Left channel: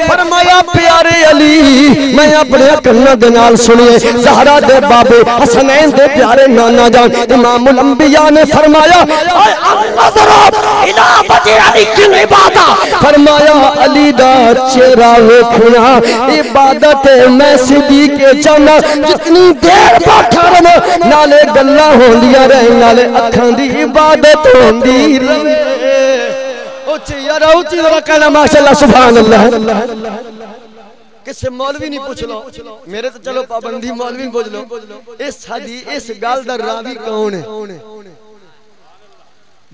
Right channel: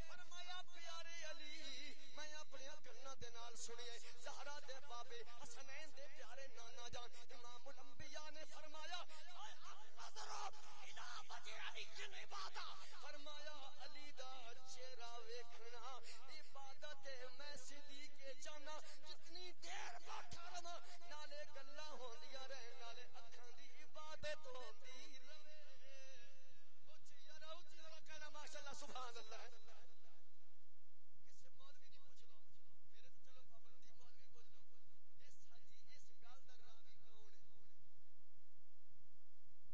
फरमाया प्यारे अली मैं अपने कन्ना दे नाल सुनिए ज़हरा दे बाबे हसनैन दे प्यारे नाना जान इमामुल अंबिया ने फरमाया फरमाया अली दा चेहरा वेखना इबादत मैं सिद्दीक के चाहना जितनी देर बैठा रहा नाले गल्लां होंदियां रहे नाले अखां दी इबादत होंदी रहे। उच्ची यार उच्ची जरा कहना माशाअल्लाह सुभान अल्लाह। किसे मौलवी नहीं पूछ लो मेरे तो चलो पाबंदी मौलवी पूछ लो इस गल दा रावी कौन है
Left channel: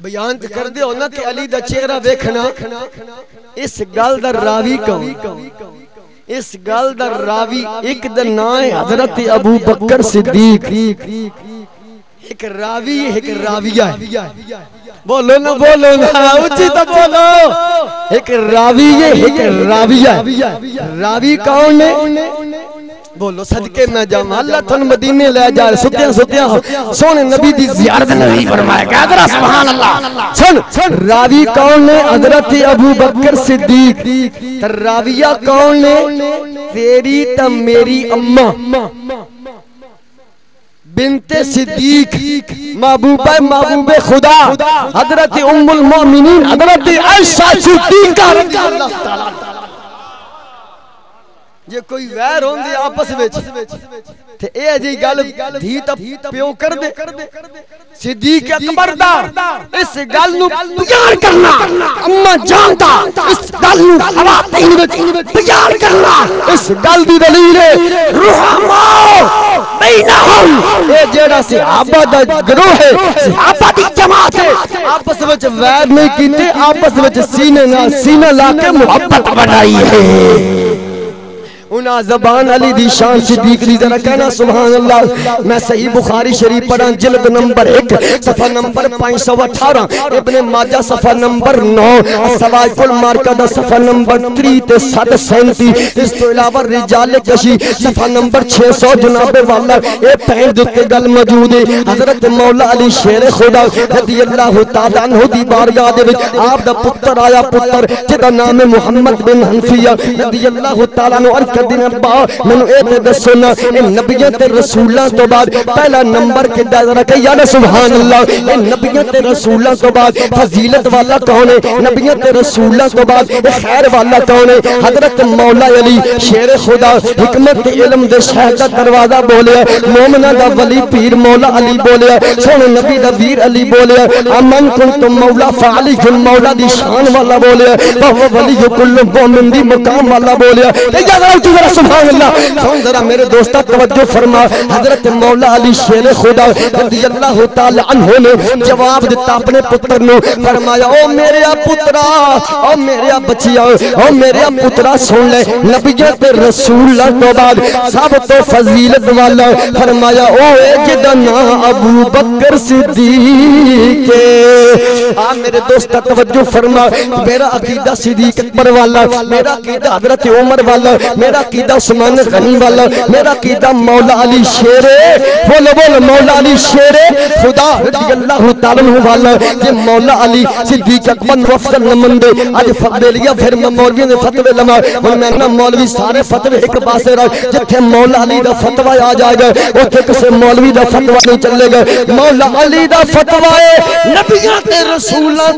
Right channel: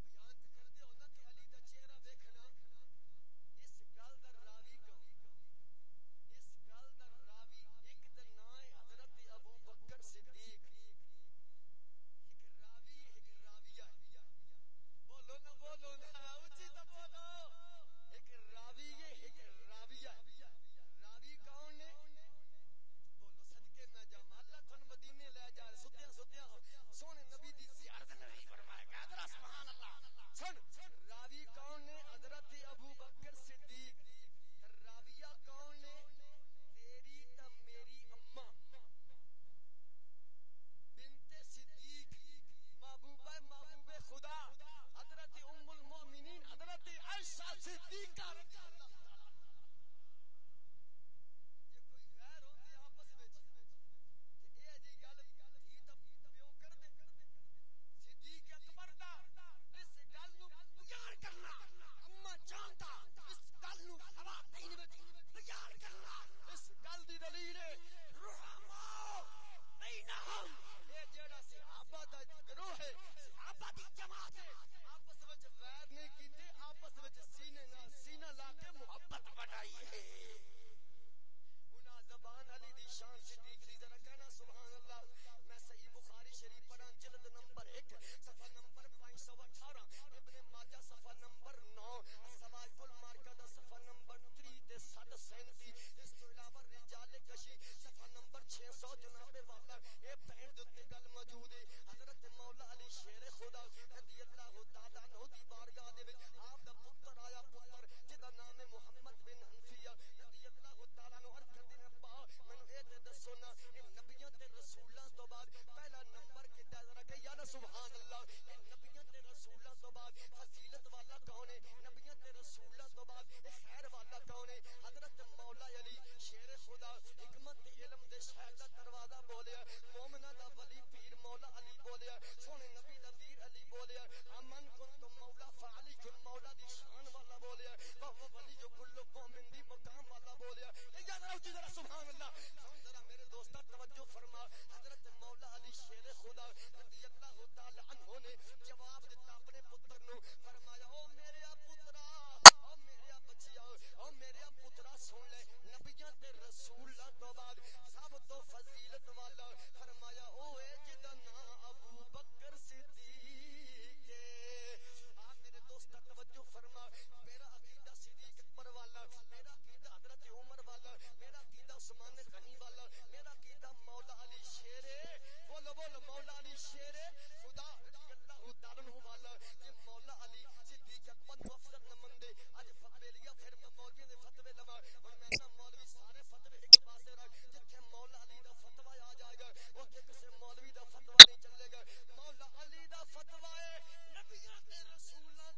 बयान कर दे ना कि अली दा चेहरा देखना इस गल दा रावी कौन इस गल दा रावी एक दा नाम है हजरत अबू बकर सिद्दीक एक रावी एक राविया बोलो ना उच्ची तो बोलो एक रावी है एक राविया रावी कौन है बोलो सदके मैं जावां अल्लाह थन मदीने ले जा सुत्या सुत्या सोने नबी दी ज़ियारत नबी फरमाया क्या सुभान अल्लाह। सुन रावी कौन है हजरत अबू बकर सिद्दीक राविया कौन है तेरी त मेरी अम्मा बिनते सिद्दीक महबूबे खुदा हजरत उम्मुल मोमिनीन हजरत आयशा सिद्दीका रज़ियल्लाहु ताला जे कोई वैर होंदे आपस विच ते ए जी गल धी ता प्यो कर दे सिद्दीक अकबर दा इस गल नु बयान करना अम्मा जानदा इस गल नु खवातीन विच बयान करना इस गल दी दलील है रुहमा बैनहुम ए जेड़ा सहाबा दा गिरोह है सहाबा दी जमात है आपस विच वैर नहीं कीते आपस विच सीने नाल सीना ला के मोहब्बत बनाई है उना ज़बान अली दी शान सिद्दीक दी जरा कहना सुभान अल्लाह। मैं सही बुखारी शरीफ पढ़ा जिल्द नंबर 1 सफ़ा नंबर 518 इब्ने माजा सफ़ा नंबर 9 सवाइफुल मार्का सफ़ा नंबर 3 ते 737 इस तो इलावा रिजाल कशी सफ़ा नंबर 600 जनाबे वाला ए पैर दे उत्ते गल मौजूद है हजरत मौला अली शेर खुदा रज़ियल्लाहु ताला अन्हु दी बारगाह दे विच आप दा पुत्र आया पुत्र जिदा नाम है मुहम्मद बिन हनफिया रज़ियल्लाहु ताला अन्हु मैनू ये दसो ना नबियां ते रसूलां तो बाद पहला नंबर किदा जरा कह यार सुभान अल्लाह ये नबियां ते रसूलां तो बाद फजीलत वाला कौन है नबियां ते रसूलां तो बाद खैर वाला कौन है हजरत मौला अली शेर खुदा हिकमत ते इल्म दे शहर दा दरवाजा बोलिया मोमिना दा वली पीर मौला अली बोलिया सोने नबी दा वीर अली बोलिया अमन कुंतुम मौला फाली जुल मौला दी शान वाला बोलिया वह वली कुल्लु मोमिन दी मकाम वाला बोलिया सुभान अल्लाह। सुन जरा मेरे दोस्तों तवज्जो फरमा हजरत मौला अली शेर खुदा रज़ियल्लाहु ताला अन्हु ने जवाब दिता अपने पुत्र नु फरमाया ओ मेरे पुत्रा ओ मेरे बच्चिया ओ मेरे पुत्रा सुन ले नबियां ते रसूलां तो बाद सब तो फजीलत वाला फरमाया ओ जिदा नाम अबू बकर सिद्दीक आ मेरे दोस्तों तवज्जो फरमा मेरा अकीदा सिद्दीक अकबर वाला मेरा अकीदा हजरत उमर वाला मेरा कीदा उस्मान गनी वाला मेरा कीदा मौला अली शेरे बोलो बोलो मौला अली शेरे खुदा रज़ियल्लाहु ताला अन्हु वाला जे मौला अली सिद्दीक अकबर वफद नमन दे आज फतवे लिया फिर मैं मौलवियों दे फतवे लमा हुन मैं ना मौलवी सारे फतवे एक पासे रख जिथे मौला अली दा फतवा आ जाएगा उथे किसी मौलवी दा फतवा नहीं चलेगा मौला अली दा फतवा है नबियां ते रसूलां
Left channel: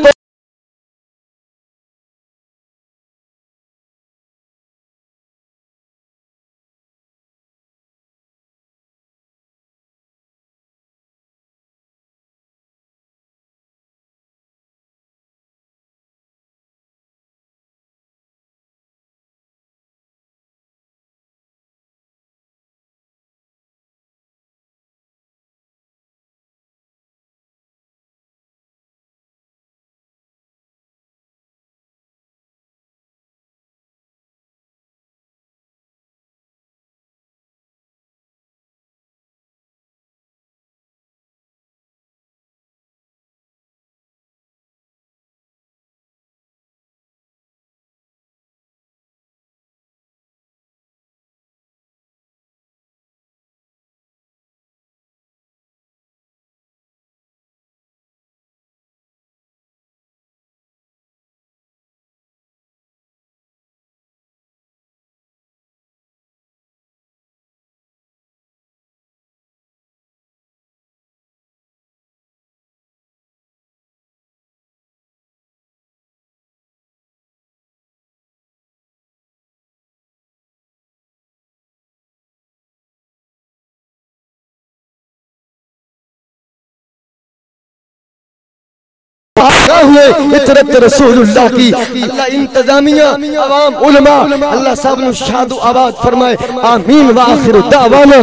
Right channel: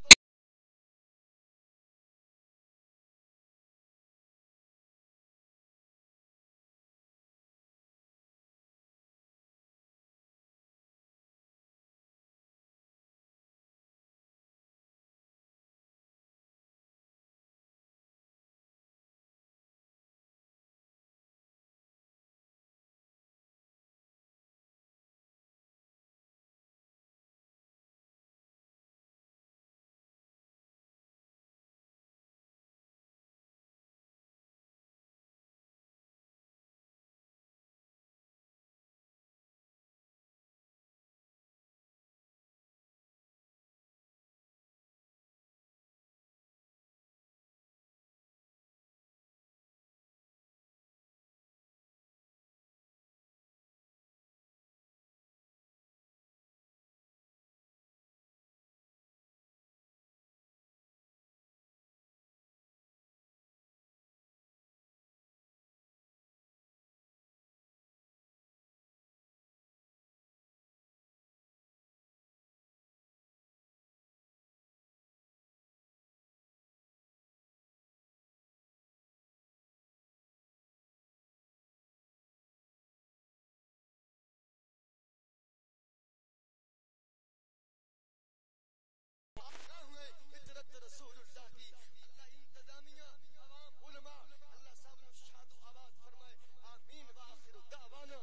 पागा हुए इतरत रसूलुल्लाह की। अल्लाह इंतजामिया अवाम उलमा अल्लाह सब नु शादु आबाद फरमाए। आमीन व आखिर दावाना।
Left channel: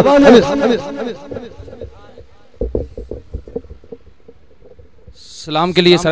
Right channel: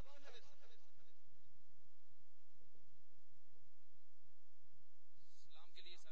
सलाम के लिए सर